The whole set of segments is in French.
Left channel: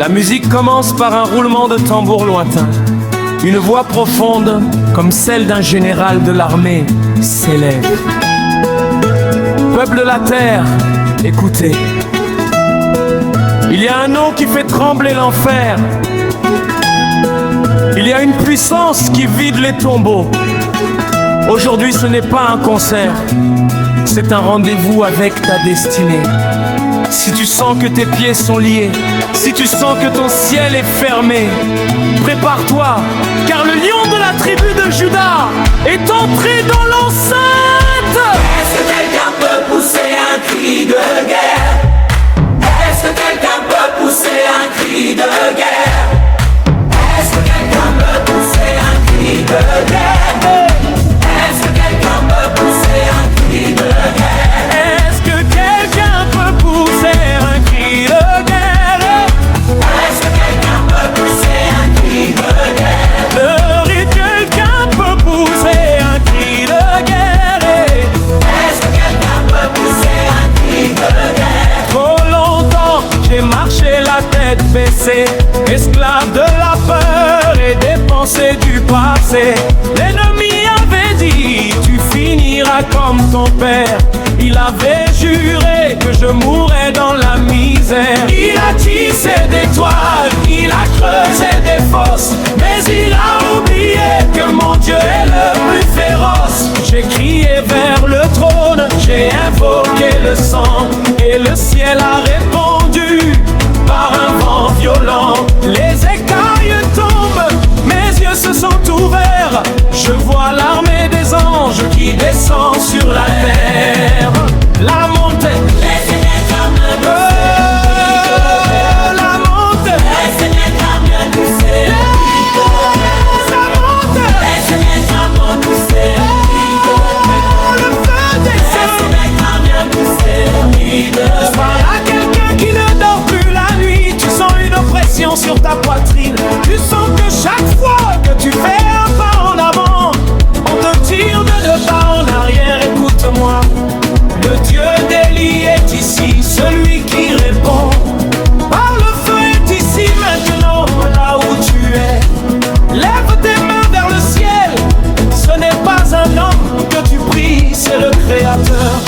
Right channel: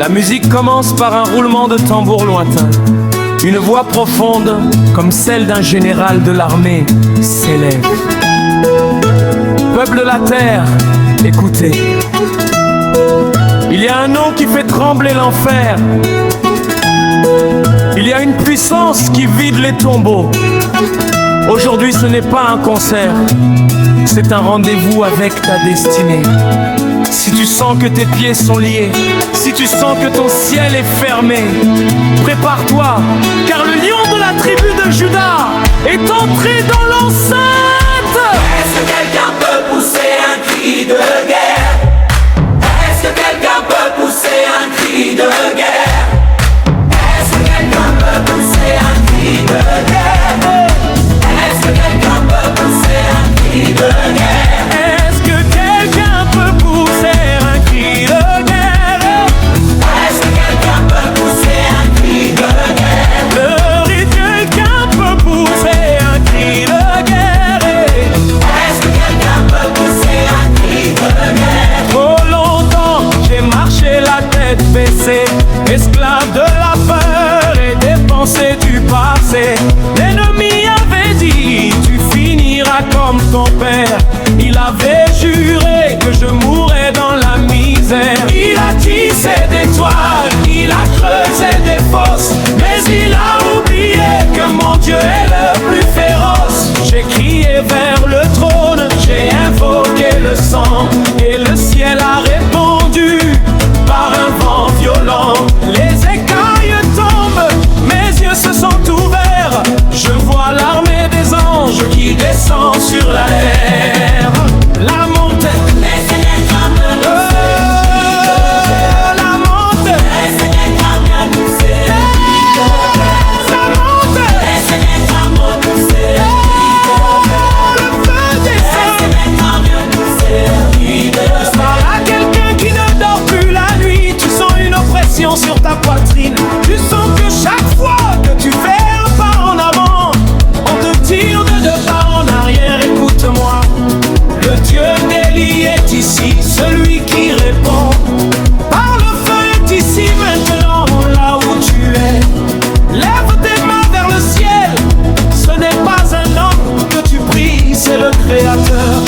La musique commence par un roulement de tambour lointain. Une voix profonde, comme celle d'un général de l'armée, s'élève. Peuple de la terre, écoutez. Il y a un nom qui fait trembler l'enfer. Il y a une puissance qui vide les tombeaux. Aujourd'hui, ce n'est pas un concert, c'est un rendez-vous avec ta destinée. Si tu sens que tes pieds sont liés, si tu sens que ton ciel est fermé, prépare-toi, car le lion de la tribu de Juda est entré dans l'enceinte. Est-ce que quelqu'un peut pousser un cri de guerre? Est-ce que quelqu'un peut pousser un cri de guerre? Est-ce que quelqu'un peut pousser un cri de guerre? Est-ce que quelqu'un peut pousser un cri de guerre? Est-ce que quelqu'un peut pousser un cri de guerre? Est-ce que quelqu'un peut pousser un cri de guerre? Quelqu'un peut pousser un cri de guerre? Est-ce que quelqu'un peut pousser un cri de guerre? Trop longtemps j'ai marché la tête baissée, esclave de la peur et des pensées du passé. L'ennemi avait dit tu finiras comme ton père. Il avait juré que je mourrais dans la misère. Il a tissé des toiles, il a creusé des fosses, mais il a oublié que mon Dieu est le plus féroce. J'ai crié vers le trône, j'ai invoqué le sang, et le ciel a répondu par un vent violent. Les écailles tombent, mes yeux se sont ouverts. Je vois l'armée des anges qui descend sur la terre. La montée, Les Seigneurs comme la montée, les Seigneurs comme nous c'est la montée, les Seigneurs comme nous c'est le feu descend. Parle à quelqu'un qui ne dort plus la nuit. Tu sens une oppression sur ta poitrine. Tu sens que chaque fois que tu fais un pas en avant, on te tire de deux pas en arrière. Écoute-moi, le Dieu d'Élie est ici, celui qui répond. Par le feu est ici maintenant, là où tu es. Lève tes mains vers le ciel. Ce n'est pas un homme que tu pries, c'est le Créateur.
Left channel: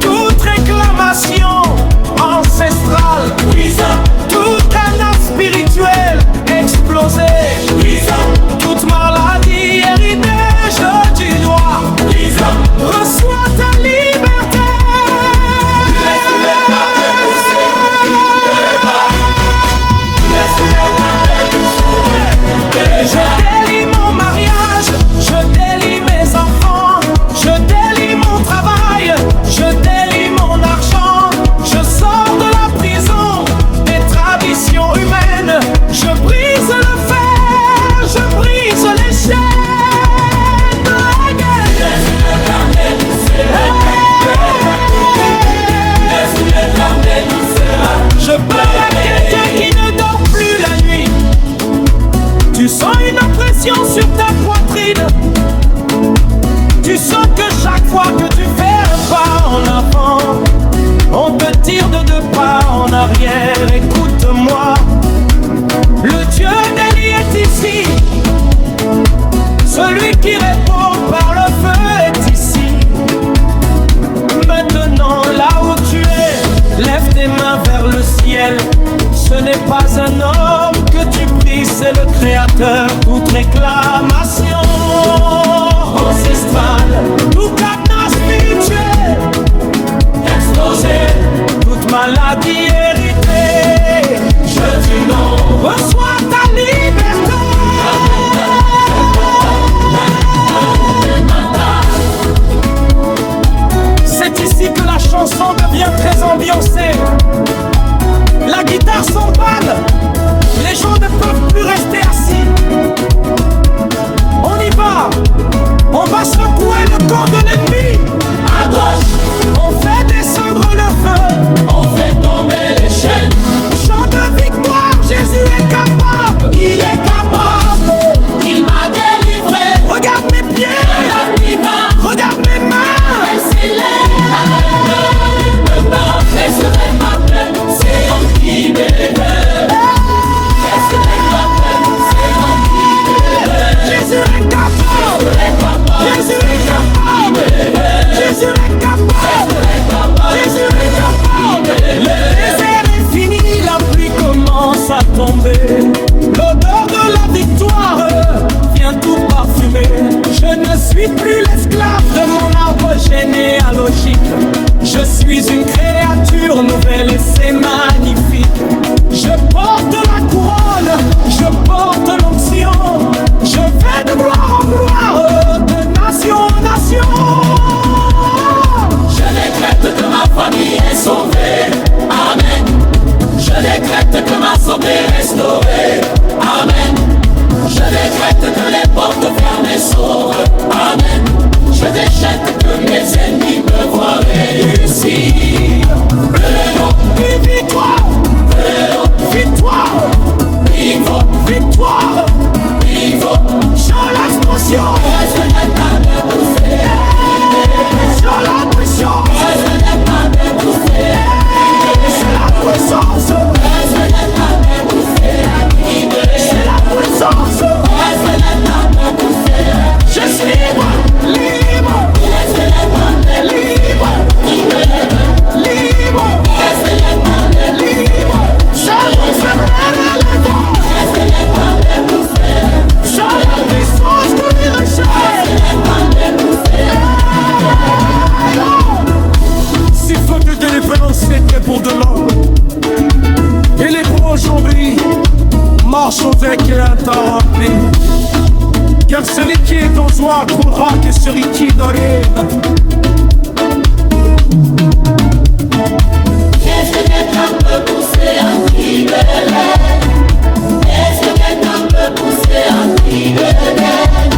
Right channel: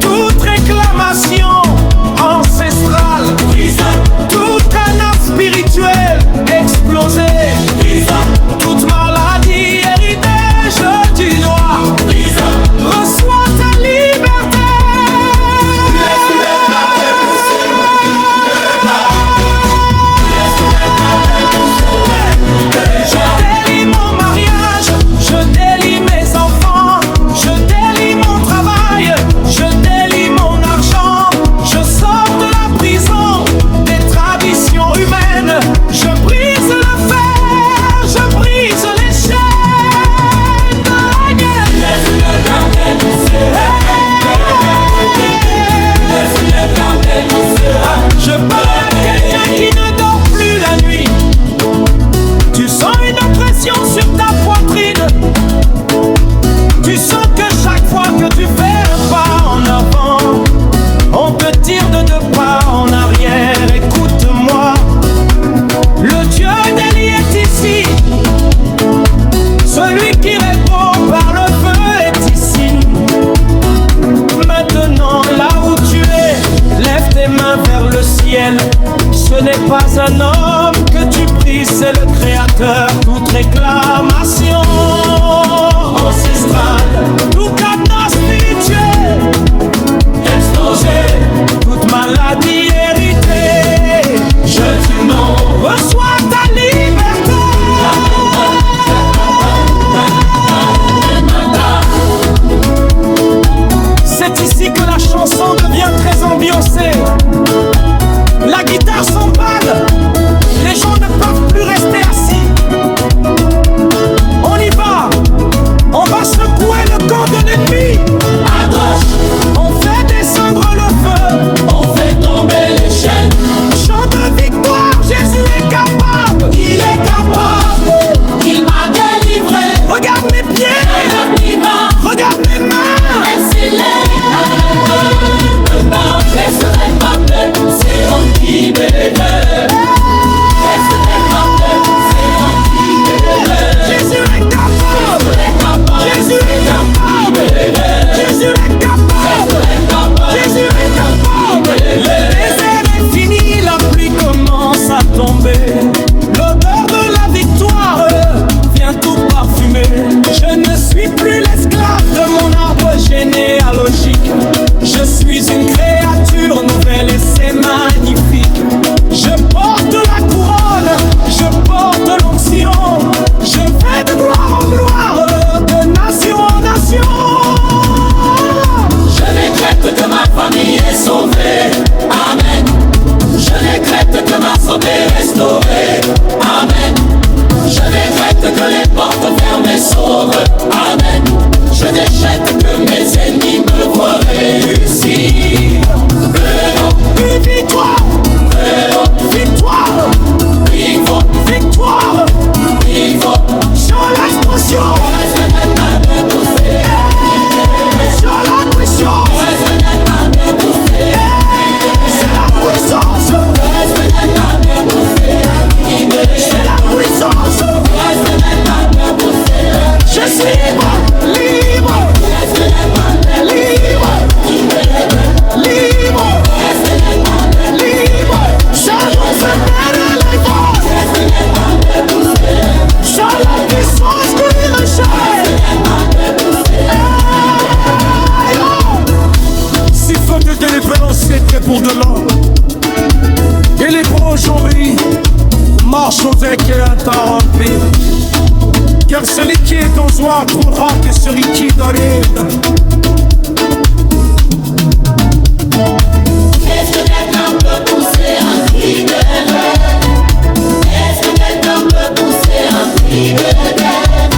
Toute réclamation ancestrale, toute canne spirituelle explosée, toute maladie héritage du doigt, reçois ta liberté. Je délie mon mariage, je délie mes enfants, je délie mon travail, je délie mon argent. Je sors de la prison des traditions humaines. Je brise le fer, je brise les chaînes. Je parle à quelqu'un qui ne dort plus la nuit. Tu sens une oppression sur ta poitrine. Tu sens que chaque fois que tu fais un pas en avant, on te tire de deux pas en arrière. Écoute-moi, le Dieu d'Élie est ici, celui qui répond par le feu est ici. Maintenant, là où tu es, lève tes mains vers le ciel. Ce n'est pas un homme que tu pries, c'est le Créateur. Toute réclamation ancestrale, tout cadenas spirituel explosé, toute maladie héritée, je dis non. Reçois ta liberté. C'est ici que la chanson devient très ambiancée. La guitare s'emballe, les gens ne peuvent plus rester assis. On y va, on va secouer le camp de l'ennemi. À gauche, On fait descendre le feu, on fait tomber les chaînes. chant de victoire, Jésus est capable. Il est capable, il m'a délivré. Regarde mes pieds, Regarde divin, regarde mes mains. elle s'élève. Ne pas, laisserai pas c'est en qui m'élève. préférence c'est prêt pour demain. Et les bras aujourd'hui marchent avec un temps rempli. Car celui qui est en joie trouvera que celui qui dort. Est-ce que quelqu'un peut pousser un cri de haine? Est-ce que quelqu'un peut pousser un cri de haine?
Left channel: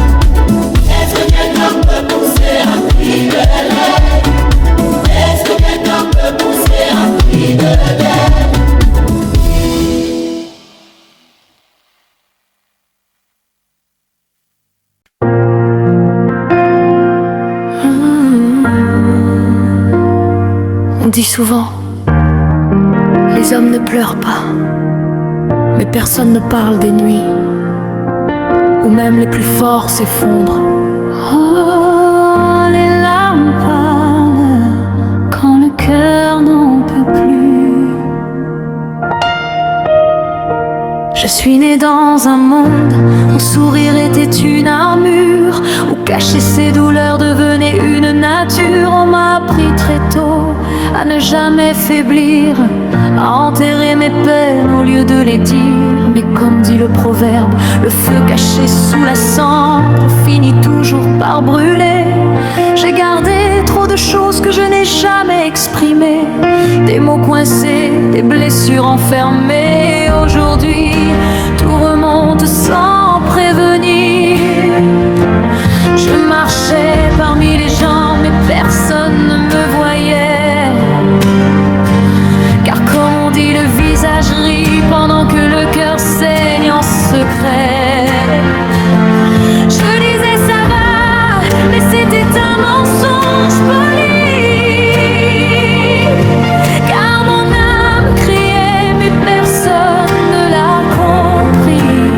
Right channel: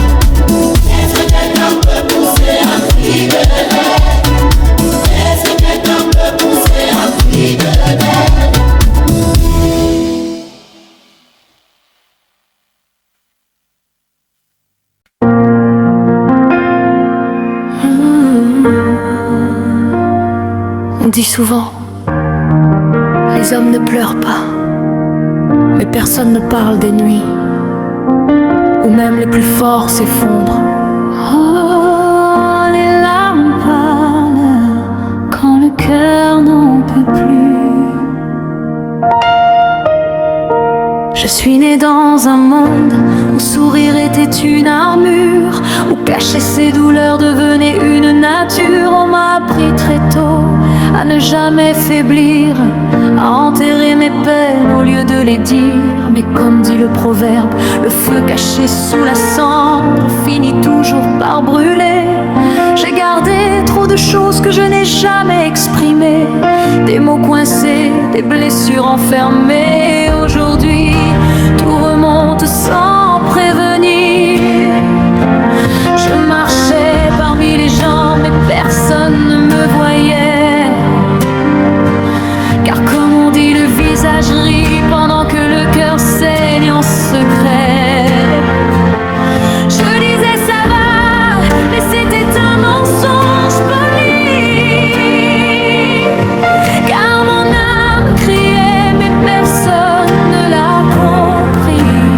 Est-ce que quelqu'un peut pousser un cri de haine? Est-ce que quelqu'un peut pousser un cri de haine? On dit souvent, les hommes ne pleurent pas, mais personne ne parle des nuits où même les plus forts s'effondrent. Oh, les larmes parlent quand le cœur n'en peut plus. Je suis née dans un monde où sourire était une armure, où cacher ses douleurs devenait une nature. On m'a appris très tôt à ne jamais faiblir, à enterrer mes peines au lieu de les dire. Mais comme dit le proverbe, le feu caché sous la cendre finit toujours par brûler. J'ai gardé trop de choses que je n'ai jamais exprimées, des mots coincés, des blessures enfermées. Aujourd'hui, tout remonte sans prévenir. Je marchais parmi les gens, mais personne ne me voyait. Car comme on dit, le visage rit pendant que le cœur saigne en secret. Je disais ça va, mais c'était un mensonge poli. Car mon âme criait, mais personne ne l'a compris.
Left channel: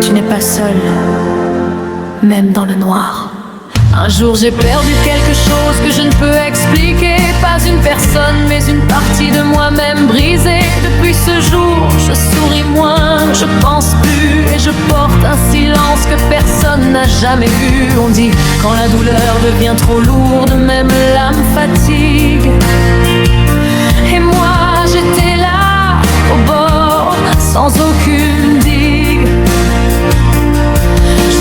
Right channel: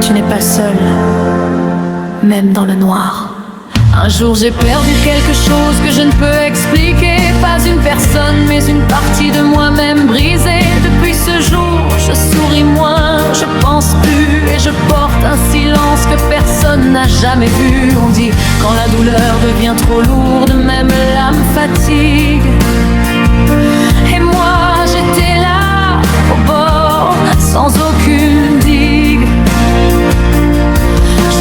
Tu n'es pas seul, même dans le noir. Un jour j'ai perdu quelque chose que je ne peux expliquer. Pas une personne, mais une partie de moi-même brisée. Depuis ce jour, je souris moins, je pense plus. Et je porte un silence que personne n'a jamais vu. On dit quand la douleur devient trop lourde, même l'âme fatigue. Et moi j'étais là, au bord, sans aucune digue.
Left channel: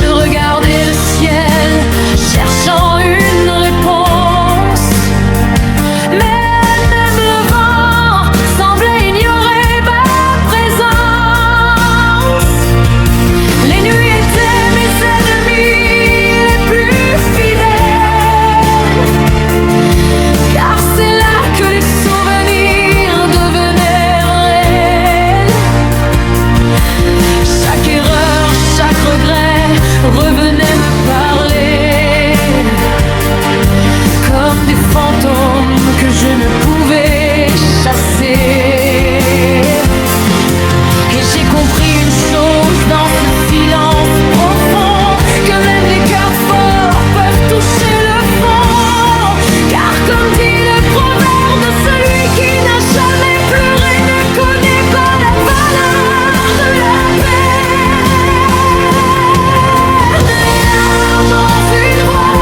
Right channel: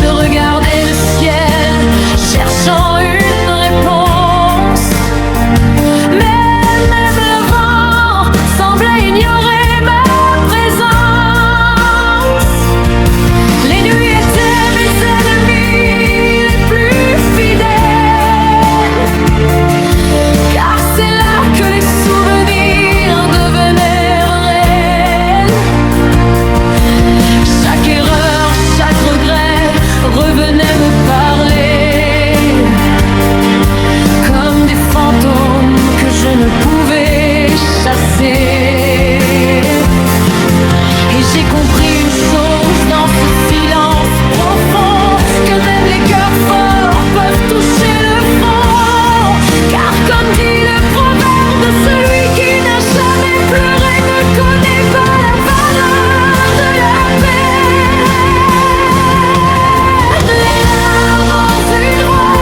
Je regardais le ciel, cherchant une réponse. Mais même le vent semblait ignorer ma présence. Les nuits étaient mes ennemis les plus fidèles, car c'est là que les souvenirs devenaient réels. Chaque erreur, chaque regret revenait me parler, comme des fantômes que je ne pouvais chasser. Et j'ai compris une chose dans ce silence profond, que même les cœurs forts peuvent toucher le fond. Car comme dit le proverbe, celui qui n'a jamais pleuré ne connaît pas la valeur de la paix. Les larmes ont une voix,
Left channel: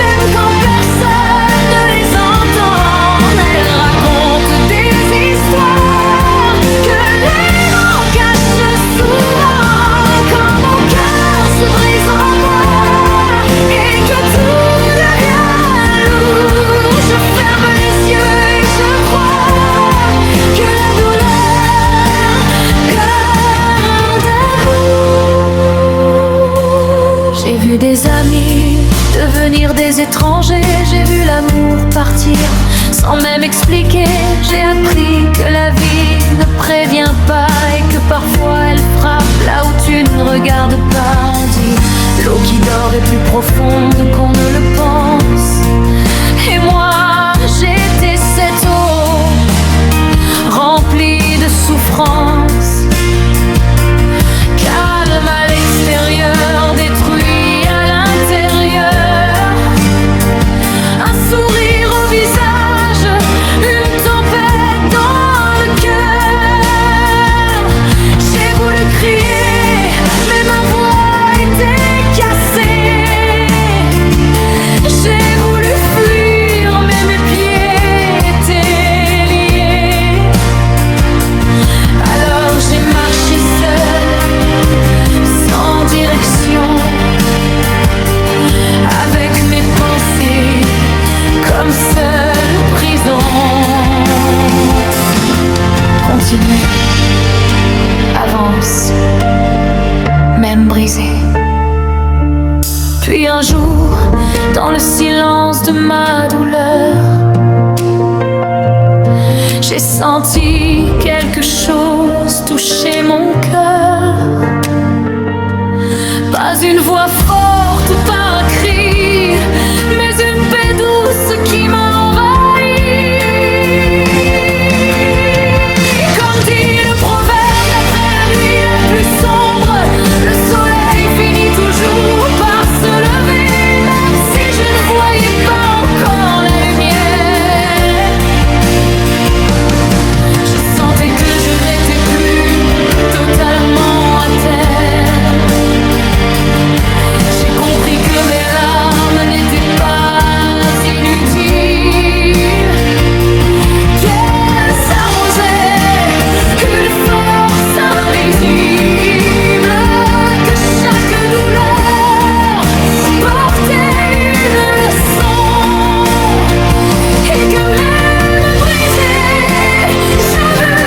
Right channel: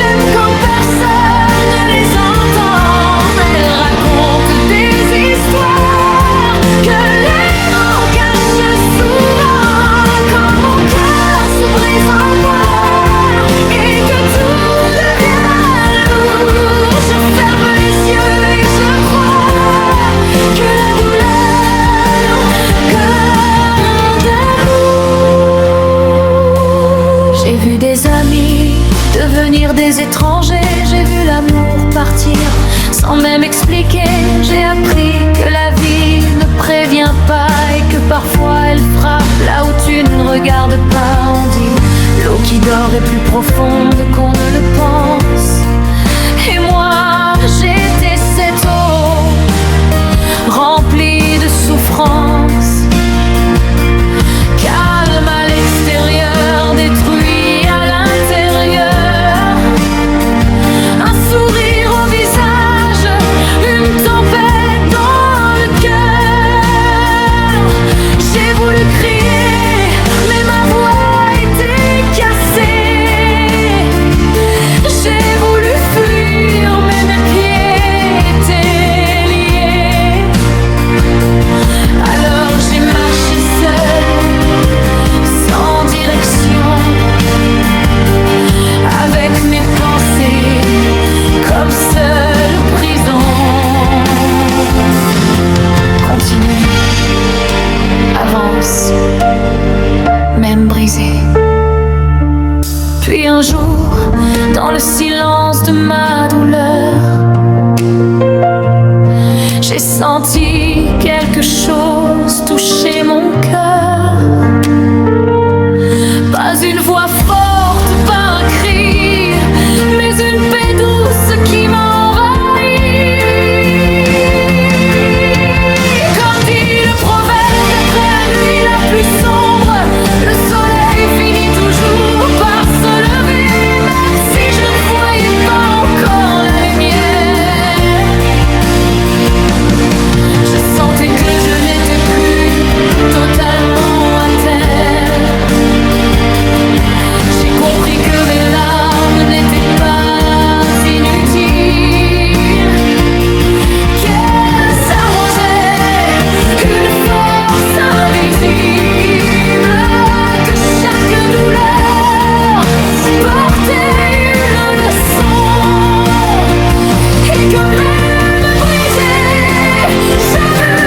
même quand personne ne les entend. Elles racontent des histoires que les mots cachent souvent. Quand mon cœur se brise en moi et que tout devient lourd, je ferme les yeux et je crois que la douleur garde d'amour. J'ai vu des amis devenir des étrangers, j'ai vu l'amour partir sans même expliquer. J'ai appris que la vie ne prévient pas et que parfois elle frappe là où tu ne regardes pas. On dit l'eau qui dort est plus profonde qu'on ne le pense. Et moi j'étais cette eau remplie de souffrance, calme à l'extérieur, détruit à l'intérieur. Un sourire au visage, une tempête dans le cœur. J'ai voulu crier, mais ma voix était cassée. comme seule prison. Continue, avance, même brisé. Puis un jour, dans le silence de ma douleur, j'ai senti quelque chose toucher mon cœur. Pas une voix forte, pas un cri, mais une paix douce qui m'a envahi. Comme dit le proverbe, d'après la nuit la plus sombre, le soleil finit toujours par se lever. Même si je ne voyais pas encore la lumière, je sentais que je n'étais plus totalement à terre. J'ai compris que mes larmes n'étaient pas inutiles, qu'elles arrosaient une force invisible, que chaque douleur portait une leçon, et que même brisée, j'avais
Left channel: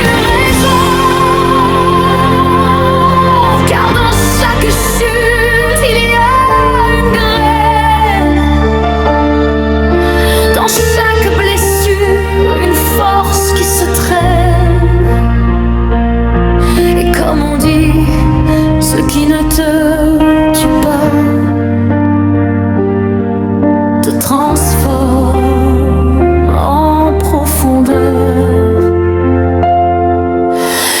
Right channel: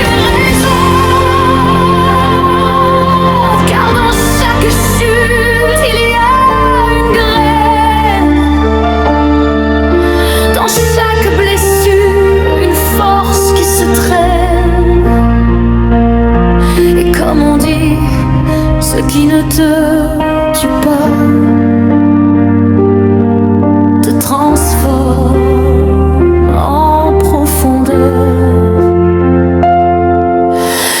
une raison. Car dans chaque chute, il y a une graine. Dans chaque blessure, une force qui se traîne. Et comme on dit, ce qui ne te tue pas te transforme en profondeur.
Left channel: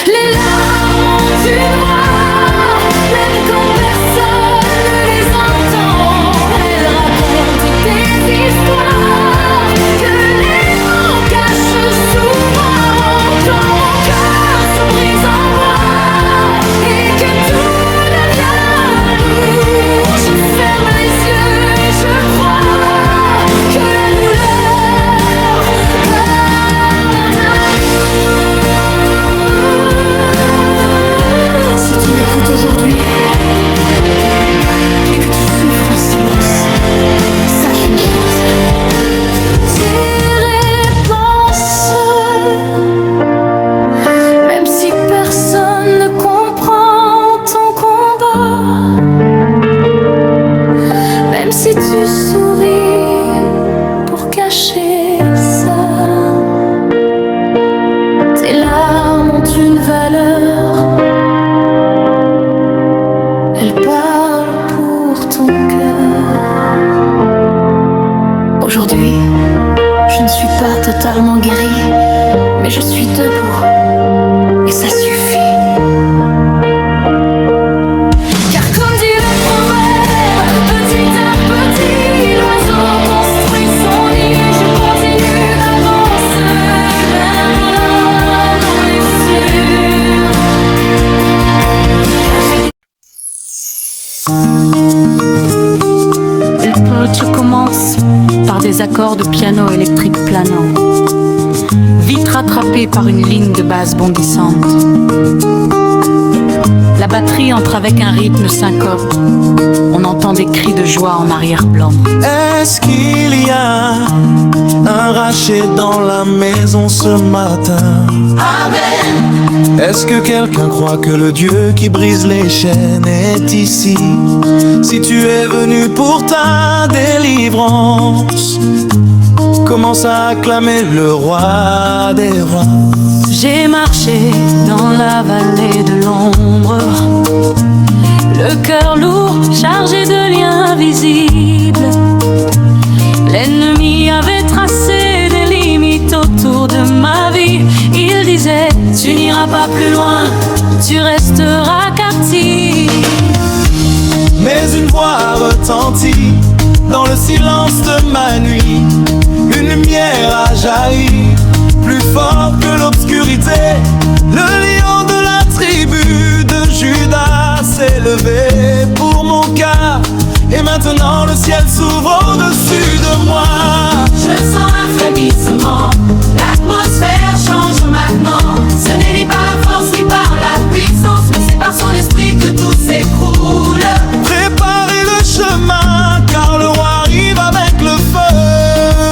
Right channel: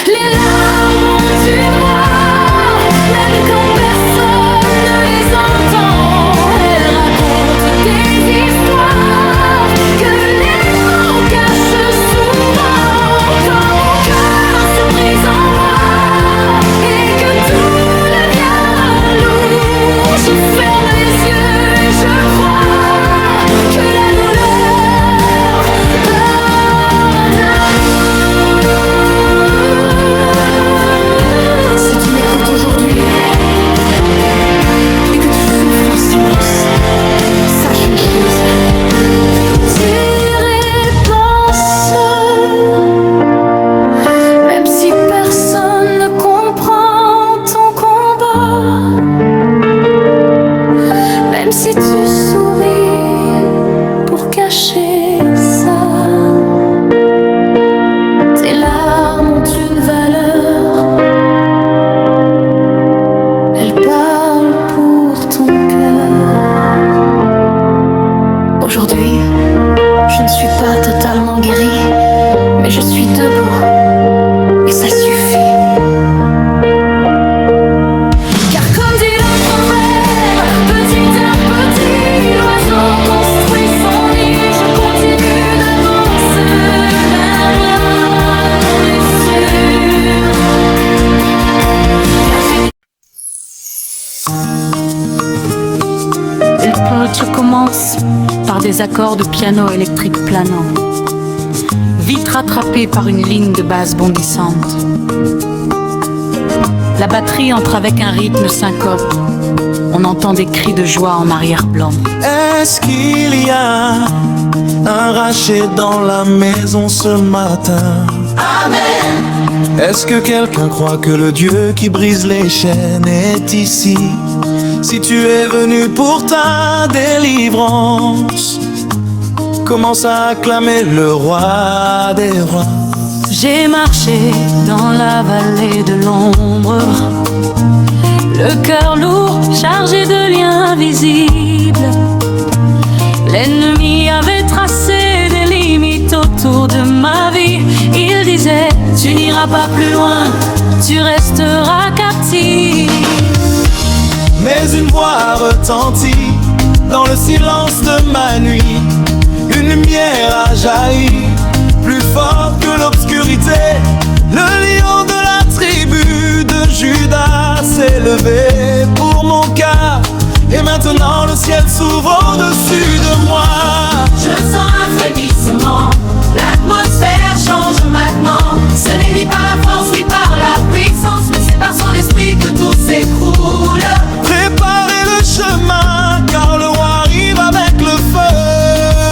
Les larmes ont une voix, même quand personne ne les entend. Elles racontent des histoires que les mots cachent souvent. Quand mon cœur se brise en moi et que tout devient lourd, je ferme les yeux et je crois que la douleur parle d'amour. Si tu m'écoutes aujourd'hui et que tu souffres en silence, sache une chose: tes réponses, même si personne ne comprend ton combat, même si tu souris pour cacher ça, tes larmes ont une valeur. Elles parlent pour ton cœur. Aujourd'hui, je ne suis pas totalement guérie, mais je suis debout, et ça suffit. Car comme dit le proverbe, petit à petit, l'oiseau construit son nid. Je continue d'avancer, même dans les sûrs. Car j'ai Le poète commence par des accords de piano électrique planants, vite rattrapés par une ligne de basse bondissante. La batterie entre avec un rythme syncope. On entend des cris de joie en arrière-plan. Est-ce qu'il y a un rachet dans la maison ce matin? Amen. Est-ce que quelqu'un croit que le Dieu qui brise les chaînes est ici? Si tu es venu pour ta délivrance, commence à acclamer le roi des rois. J'ai marché dans la vallée de l'ombre, le cœur lourd, chargé de liens invisibles. L'ennemi avait tracé des limites autour de ma vie. Il disait, tu n'iras pas plus loin, tu resteras captif. Mais une voix retentit dans le silence de ma nuit. Une lumière a jailli, plus fort que l'obscurité. Le lion de la tribu de Judas s'est levé pour mon cas. Et maintenant le ciel s'ouvre au-dessus de moi. Je sens un frémissement, l'atmosphère change maintenant. Ce n'est ni par la force ni par la puissance, mais c'est par son esprit que tout s'écroule. Préparez le chemin, car le roi arrive avec le feu.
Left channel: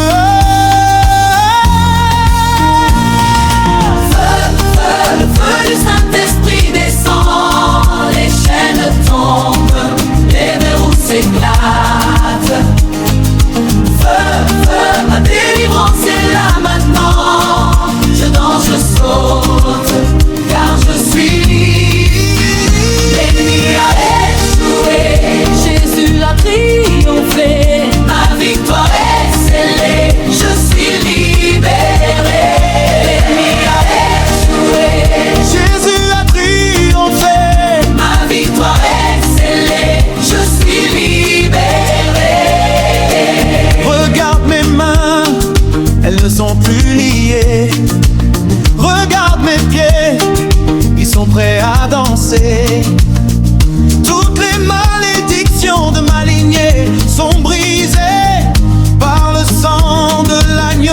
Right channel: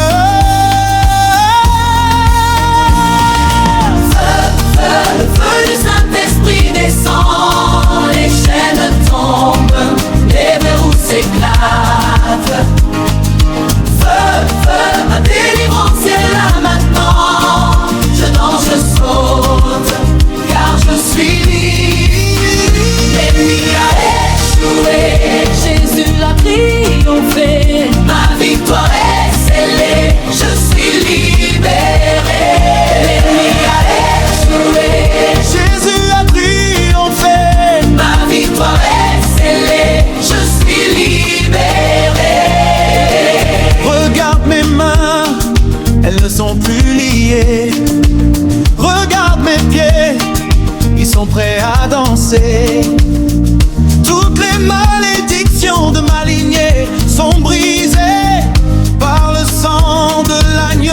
elles ne sont plus liées. Regarde mes pieds, ils sont prêts à danser. Toutes les malédictions de ma lignée sont brisées par le sang de l'agneau.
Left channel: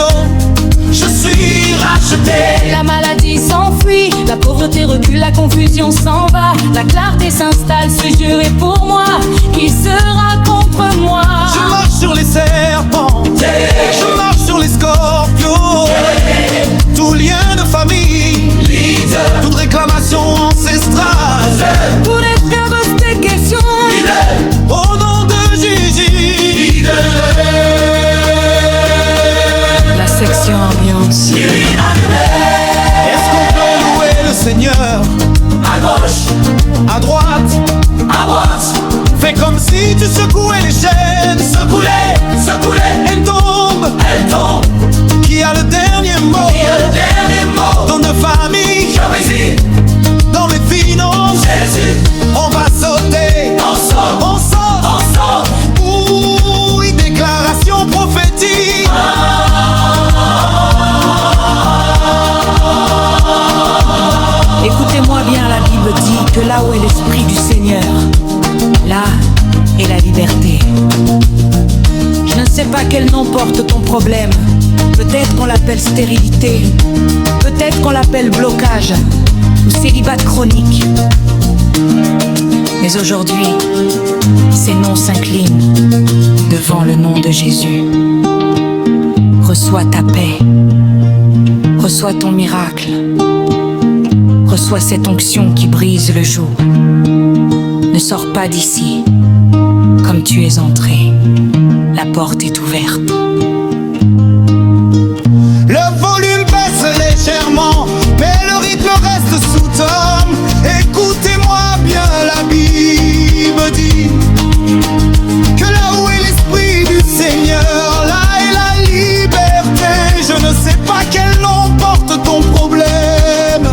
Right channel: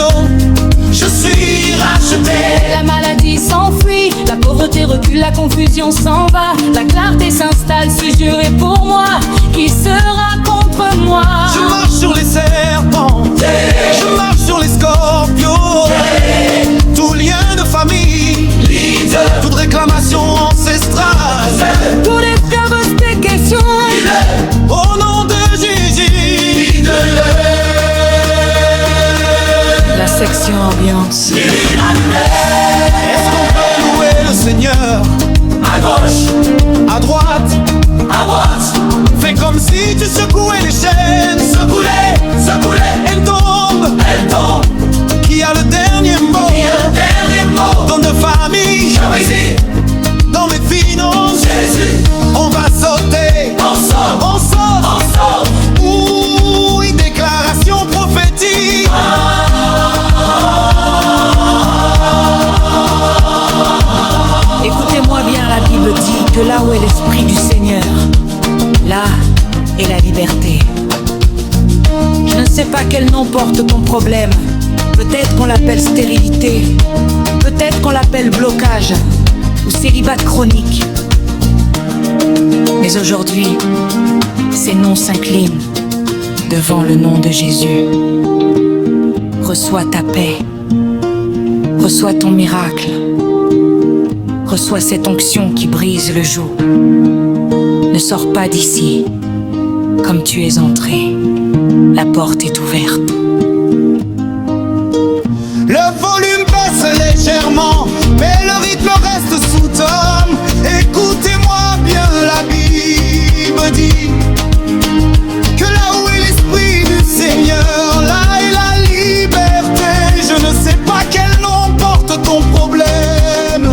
Je suis racheté. La maladie s'enfuit, la pauvreté recule, la confusion s'en va. La clarté s'installe, ce jeu est pour moi. Qui sera contre moi? Je marche sur les serpents, je marche sur les scorpions. Tout lien de famille, toute réclamation ancestrale, Tous les esclaves des questions, au nom de Jésus. la section ambiance. Est-ce qu'on peut louer le Seigneur? À gauche, À droite, à droite, fais comme si tu secouais les chaînes. secouez, Elle tombe, elle tombe. qui a le dernier mot? Et le dernier mot, Dans nos familles, Jésus, dans mes finances, Jésus, on va sauter, on saute, on saute. on saute. Oui, déclaration prophétique. Écoutez-moi bien, la Bible dit que là où est l'Esprit du Seigneur, là est la liberté. Je ne sais pas quel nom porte ton problème. Peut-être qu'on l'appelle stérilité, peut-être qu'on l'appelle blocage ou célibat chronique. Mais aujourd'hui, ces noms s'inclinent devant le nom de Jésus. Reçois ta paix, reçois ton miracle. Reçois cette onction qui brise le joug. Ne sors pas d'ici comme tu es entré. La porte est ouverte. Le volume baisse légèrement, mais le rythme reste sous tome. Écoutez-moi bien, la Bible dit que là où est l'Esprit du Seigneur, là est la liberté. Je ne sais pas quel nom porte ton problème.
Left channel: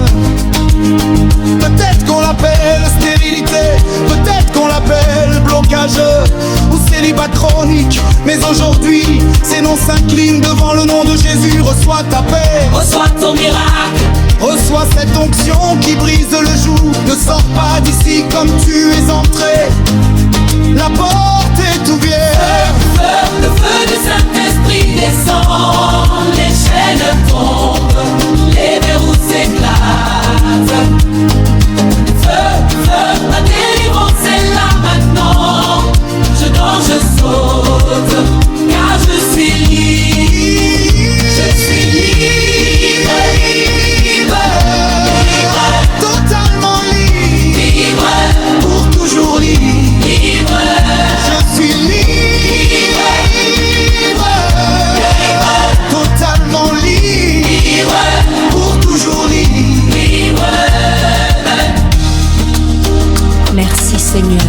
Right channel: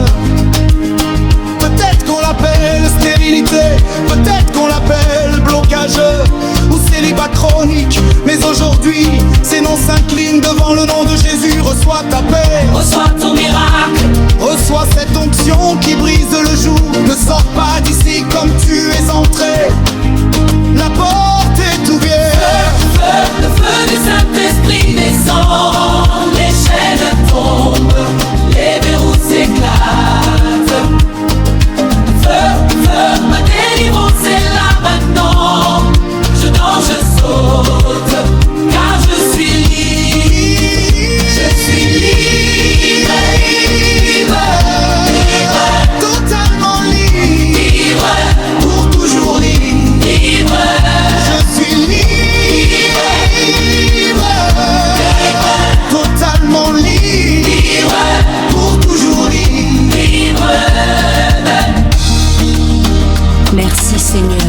Peut-être qu'on l'appelle stérilité, peut-être qu'on l'appelle blocage ou célibat chronique. Mais aujourd'hui, ces noms s'inclinent devant le nom de Jésus. Reçois ta paix, Reçois ton miracle, reçois cette onction qui brise le joug. Ne sors pas d'ici comme tu es entré. La porte est ouverte. le feu du Saint-Esprit descend, les chaînes tombent, les verrous s'éclatent. Feu, ma délivrance est là maintenant. Je danse, je saute, car je suis libre. Je suis libre, Totalement libre, libre, pour toujours libre. libre, Je suis libre, totalement libre, libre, pour toujours libre. libre. Merci Seigneur